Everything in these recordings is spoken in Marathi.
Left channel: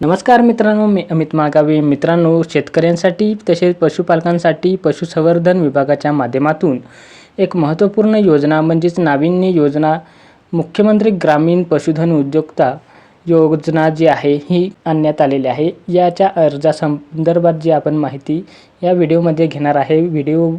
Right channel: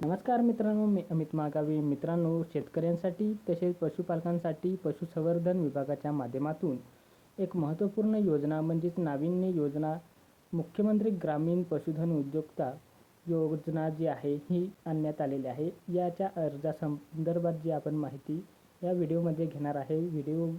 नमस्कार मित्रांनो, मी अमित माळगावे. मित्रांनो, शेतकऱ्यांसाठी तसेच पशुपालकांसाठी पशुसंवर्धन विभागाच्या माध्यमातून एक महत्त्वपूर्ण योजना म्हणजेच नाविन्य योजना मुख्यमंत्री ग्रामीण पशुधन उद्योजकता योजना जी आहे ही आणण्यात आलेली आहे. याच्या अर्जासंदर्भात जी आपण माहिती या व्हिडिओमध्ये घेणार आहे. व्हिडिओ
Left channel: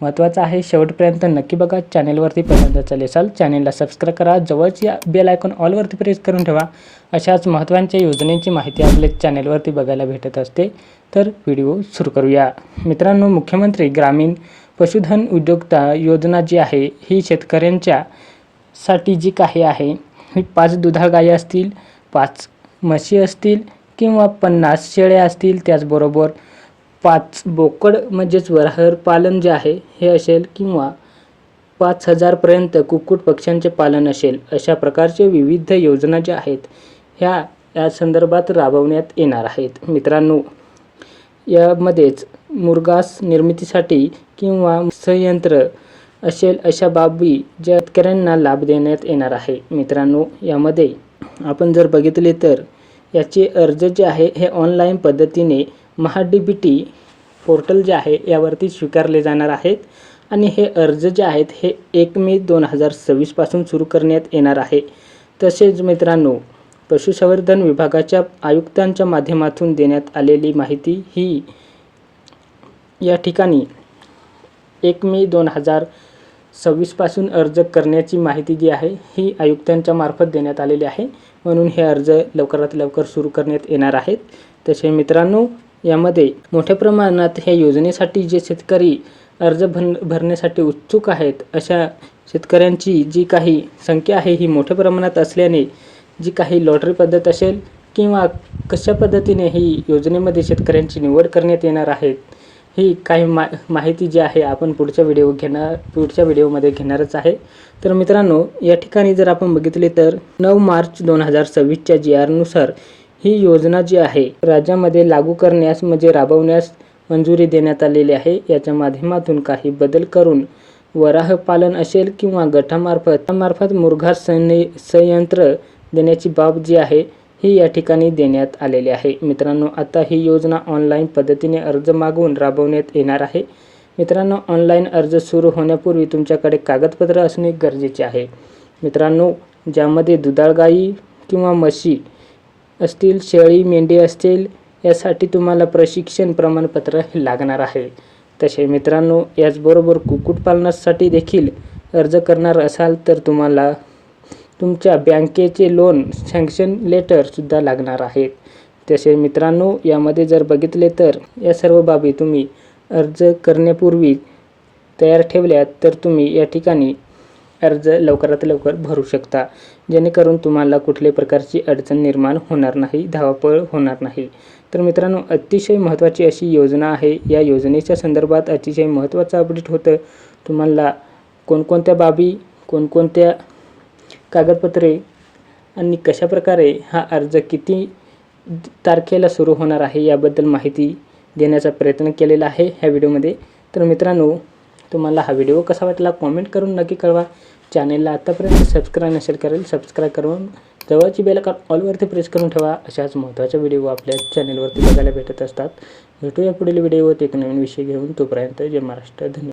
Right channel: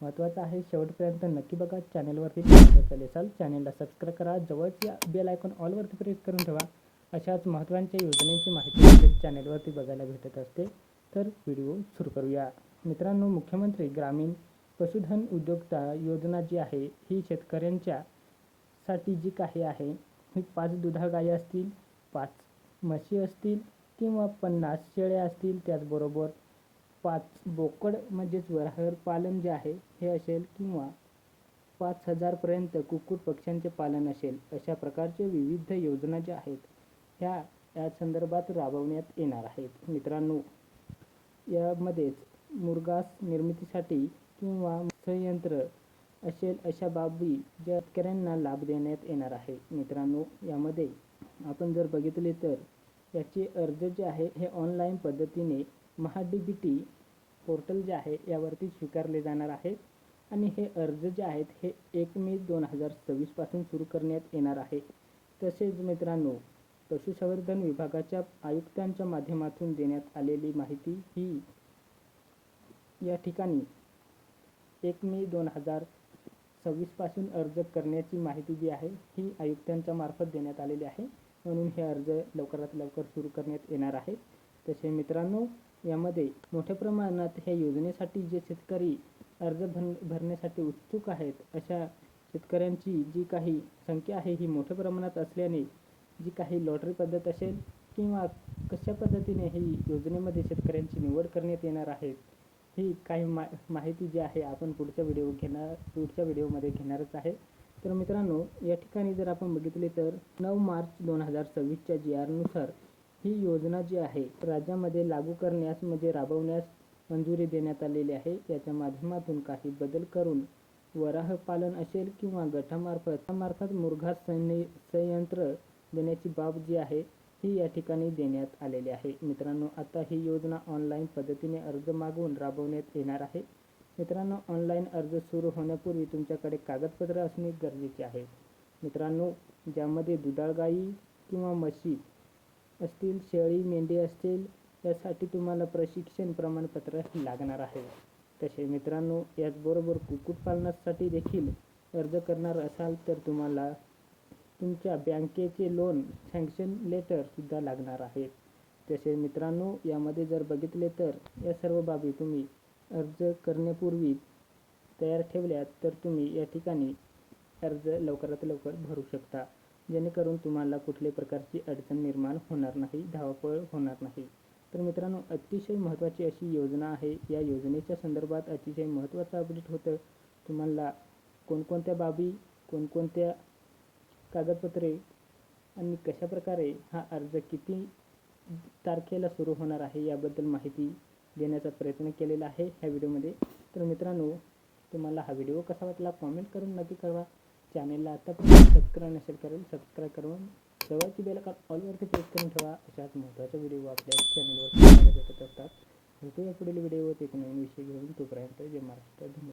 महत्त्वाचा आहे, शेवटपर्यंत नक्की बघा. चॅनेलवरती पहिल्यांदा चालले असाल चॅनेलला सबस्क्राईब करा, जवळची बेल आयकॉन ऑलवरती प्रेस करून ठेवा. अशाच महत्त्वाच्या योजनेची माहिती आपल्या चॅनेलवरती बघायला भेटत असते. तर व्हिडिओ सुरू करूया. मित्रांनो, मुख्यमंत्री ग्रामीण पशुधन उद्योजकता योजना जी आहे ही शेतकऱ्यांच्या साठी जी काही आहे ही 5 दुधाळ गायी असतील, 5 म्हशी असतील किंवा 50 शेळ्या असतील, त्याचबरोबर 5 बोकड म्हणजेच वराहर पालन जे आहे हे असेल किंवा 5000 पर्यंत कुक्कुट पक्ष्यांचे पालन असेल, अशा प्रकारचे विविध योजना ज्या आहेत या संदर्भात राबवण्यात येणार आहेत. मित्रांनो, यामध्येच मुरघास निर्मितीसाठी किंवा संयंत्र असेल अशा बाबी ज्या शेतकऱ्यांना लाभ देण्यात येणार आहे. मित्रांनो, यामध्ये आपण जर बघितले तर याचे अर्ज जे आहे हे ऑनलाईन पद्धतीने महा-डी-बी-टी पोर्टल जे आहे यावरती स्वीकारले जाणार आहेत आणि हे अर्ज जे आहेत हे 1 मे 2026 पासून सुरू करण्यात येणार आहे. तसेच मित्रांनो, पशुसंवर्धन विभागाच्या आयुक्तांच्या माध्यमातून देण्यात आलेली माहिती ही या ठिकाणी 1 मे 2026 पासून अर्ज करण्याची माहिती जी आहे ही आयुक्तांच्या मार्फत देण्यात आलेली आहे. म्हणून हे अर्ज लवकरात लवकर सुरू करण्यात येणार आहेत. तसे मित्रांनो, यामध्ये मोठ्या प्रमाणात ह्या योजनेसाठी जे शेतकरी अर्ज भरण्यासाठी उत्सुक आहेत अशा शेतकऱ्यांची जी काही संख्या आहे ही मोठ्या प्रमाणात असल्याने जी काही लॉटरी पद्धत असेल किंवा कशा पद्धतीने ही योजनेमध्ये शेतकऱ्यांची निवड करण्यात येणार आहेत ही काही माहिती जी आहे आपण पुढच्या व्हिडिओमध्ये घेणारच आहे. तर मित्रांनो, या ठिकाणी जर आपण बघितले तर 9 मार्च 2026च्या GR नुसार ही योजना जी आहे राज्यामध्ये लागू करण्यास म्हणजे राबवण्यास मंजुरी देण्यात आलेली आहे. याच्या माध्यमातून काही बदल करून वराह पालन असेल किंवा गटामार्फत मुरघास संयंत्र देण्याची बाब जी आहे ही या ठिकाणी देण्यात आलेली आहे. मित्रांनो, आता ही योजना ऑनलाईन पद्धतीने अर्ज मागवून राबवण्यात येणार आहे. मित्रांनो, ऑनलाईन अर्ज सुरू होण्यापूर्वी तुमच्याकडे कागदपत्र असणे गरजेचे आहे. मित्रांनो, ज्यामध्ये दुधाळ गायी किंवा म्हशी असतील, शेळी मेंढी असतील, यासाठी तुम्हाला प्रशिक्षण प्रमाणपत्र लागणार आहे. तसे मित्रांनो, याचबरोबर कुक्कुटपालनासाठी देखील अर्ज करणार असाल तर तुम्हाला तुमच्या बँकेचे लोन सँक्शन लेटर सुद्धा लागणार आहेत. तसे मित्रांनो, यामध्ये जर बघितले तर या सर्व बाबी तुम्ही अर्ज करण्यापूर्वी तयार ठेवल्यात तर तुम्ही या ठिकाणी अर्ज लवकरात लवकर भरू शकता, जेणेकरून तुम्हाला कुठल्याही प्रकारची अडचण निर्माण होणार नाही, धावपळ होणार नाही. तर मित्रांनो, अतिशय महत्त्वाची अशी योजना आहे. या योजनेच्या संदर्भात अतिशय महत्त्वाचं अपडेट होतं. तुम्हाला कोणकोणत्या बाबी, कोणकोणत्या कागदपत्रे आणि कशाप्रकारे हा अर्ज किती तारखेला सुरू होणार आहे याबद्दल माहिती देण्याचा प्रयत्न केलेला आहे ह्या व्हिडिओमध्ये. तर मित्रांनो, तुम्हाला हा व्हिडिओ कसा वाटला कॉमेंट करून नक्की कळवा. चॅनेलला आतापर्यंत सबस्क्राईब नसेल करेल, सबस्क्राईब करून जवळची बेल आयकॉन ऑलवरती प्रेस करून ठेवा. अशाच महत्त्वाच्या व्हिडिओ आपल्या चॅनेलवरती बघायला भेटत असतात. भेटूया पुढील व्हिडिओत एक नवीन विषय घेऊन. तोपर्यंत जय महाराष्ट्र. धन्यवाद.